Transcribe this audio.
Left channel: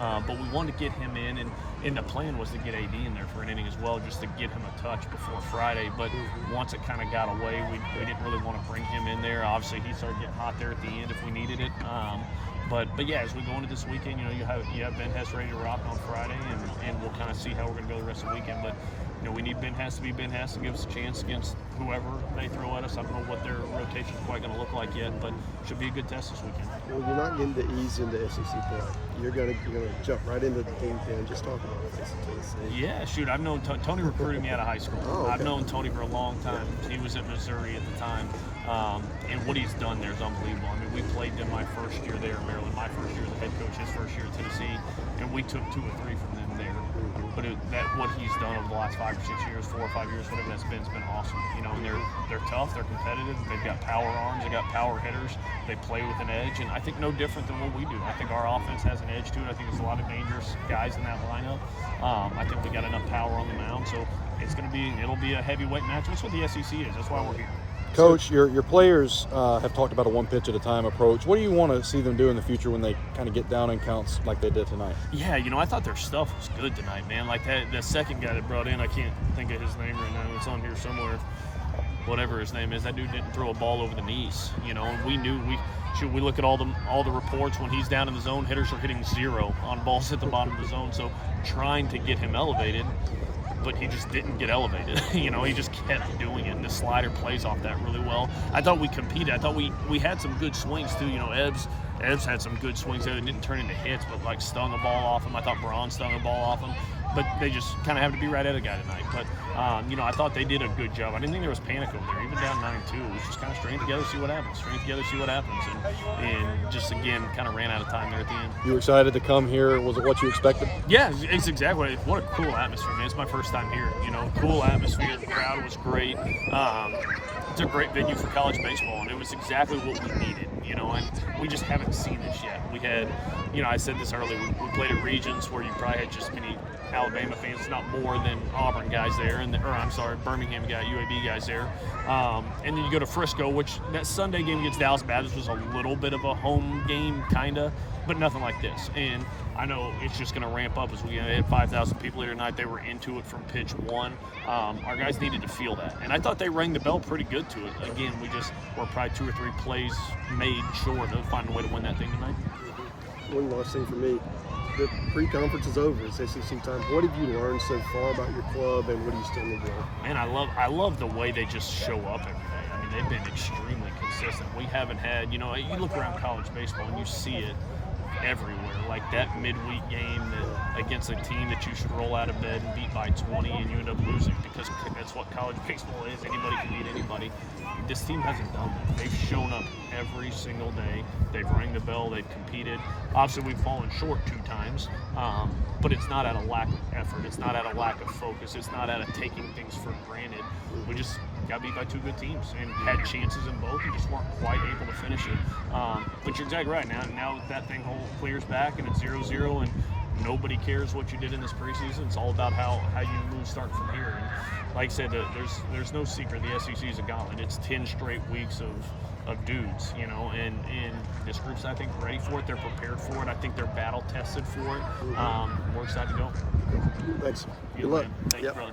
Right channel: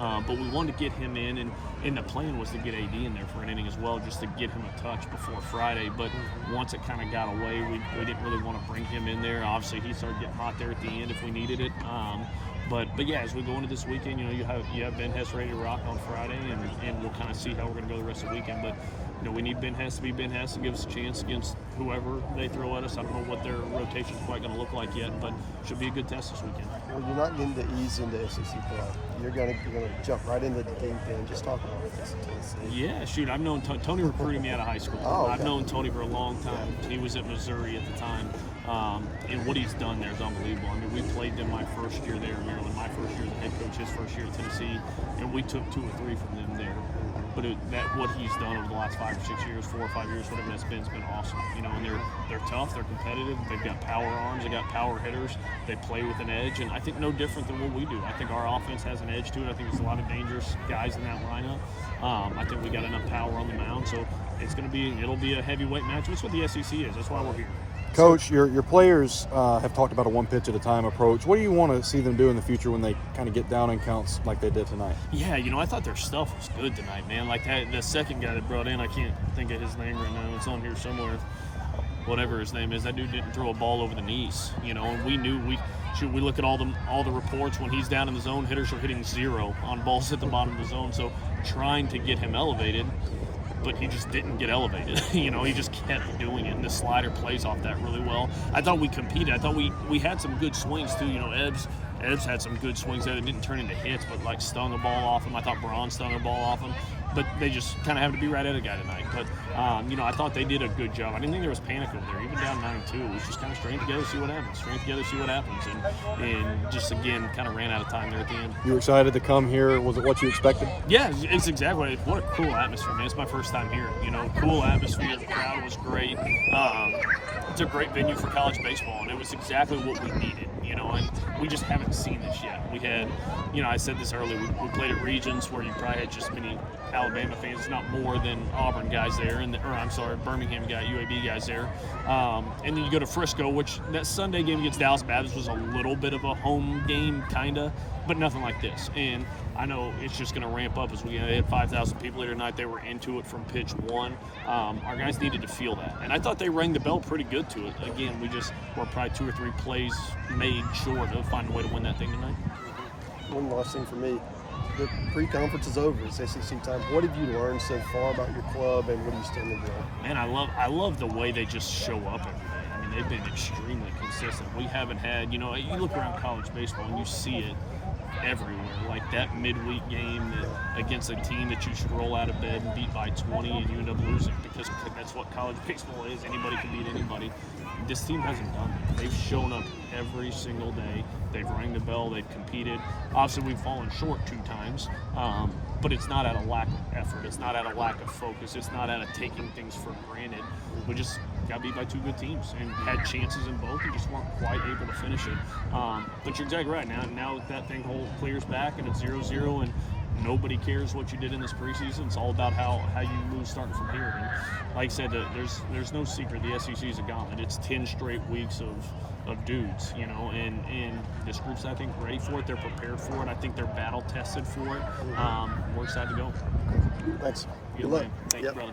but we wanted to get him in, and the plan was to get AD in there for an inning as well, just to get him a touch before Friday. But once it kind of got away, we didn't really want to bring him in there. Obviously, he started getting hot there at the end if we needed it. But yeah, as we go into this weekend, you have Ben Hess ready to rock on Friday, and we'll kind of see how we're going to go the rest of the weekend. But we need Ben Hess to be Ben Hess and give us a chance against whoever they throw at us. I don't know what their rotation is quite going to look like yet, but should be a good test this weekend. Well, you're not getting to ease into SEC play. You're going to jump right into the deep end. Just talk about it. Tennessee. Yeah, shoot. I've known Tony recruited me out of high school. Oh, okay. I've known Tony for a long time. He was at Missouri at the time. And what he's done there is unbelievable. I mean, we played them my first year there in Maryland, my first year as a head coach, his first year at Tennessee, and we took 2 or 3 from them there. But what he's done over the last 5 or 6 years, 4 or 5 years, whatever that's been, has been awesome. And they're tough, they're competitive, they've got power arms, they got power hitters, they play with an edge, and I think no different than what we do. I think our offense has an edge to it. I think there's a lot of dangerous guys in that lineup. I think we got enough power on the mound, so it'll be a heavyweight match. That's what the SEC is. That's why we're here. Coach, your players have talked about a one pitch at a time approach. What do you want to see them do in the future when they kind of get down in counts like they did tonight? Yeah, I thought their stuff was good tonight, man. Like the second guy that brought in, I can't think of his name right now. It's on here somewhere. Whatever his name is, that dude didn't throw a ball over the knees. And we knew we look at all the reports when he's down in the zone, hitters are hitting 0 on balls at the bottom of the zone. So trying to get him elevated, but he just didn't get elevated. He just kept doing it, and the slider plays off that really well. I thought we competed. I thought we had some good swings too. Ebbs had some good swings there that didn't turn into hits, but like stung a ball off him. I thought Braun stung a ball off him, but they just kind of have to be right at a guy tonight. But I thought they did a good job. I didn't think there was panic over there, even down 9-2. It was just kind of string together, see what happens. String together, see what happens, and just again kind of ran out of time there at the end. You excited to come here? Was it what you expected? Yeah, it's exactly. What a cool atmosphere, man. It's my first time here. Cool atmosphere. The crowd was great. It's a great venue for college baseball, and it was exactly what we needed. And we just haven't seen this yet. We had, I said this earlier, we played at Regions where you probably had just many Alabama fans, not more than Auburn guys there, Birmingham UAB guys there. And then you go to Frisco, which that Sunday game against Dallas Baptist was a little bit of a home game, kind of, but nothing like this. And I know it's just going to ramp up as we had 5,000 people here tonight. They were into it from pitch 1. Our guys needed to feel that. And I thought they rang the bell pretty good to it. Again, we're probably 2 or 3 plays made short of finding a way to win that thing tonight. One last thing for me. The pre-conference is over. It's SEC time. What have you learned so far about your club, and what do you still need to learn? Man, I love the way they just show up every day. I mean, they've been extremely consistent. We haven't had, you look around college baseball and you see it everywhere. Like that midweek game against a team that you should roll out of bed and beat by 20 and you end up losing, because that's what college baseball is. Anybody can beat anybody. This team hasn't done that. They've shown up every single day. They've rang the bell. They've competed. Obviously, we've fallen short 2 times, but it's not out of lack of effort. It's not out of lack of focus. It's not out of taking things for granted. We just got beat by 2 good teams and had chances in both and just weren't quite able to finish it. But you're exactly right. Now that thing clears back and it's 0-0 and nobody cares what you did in this preseason. It's all about how you move starting from here. And like I said, there's no secret. The SEC is a gauntlet. It's 10 straight weeks of dudes, and this group's, I think, ready for it. They're prepared for it. I think they're battle tested for it. We're excited to go. Thanks. Good luck. Thank you, brother.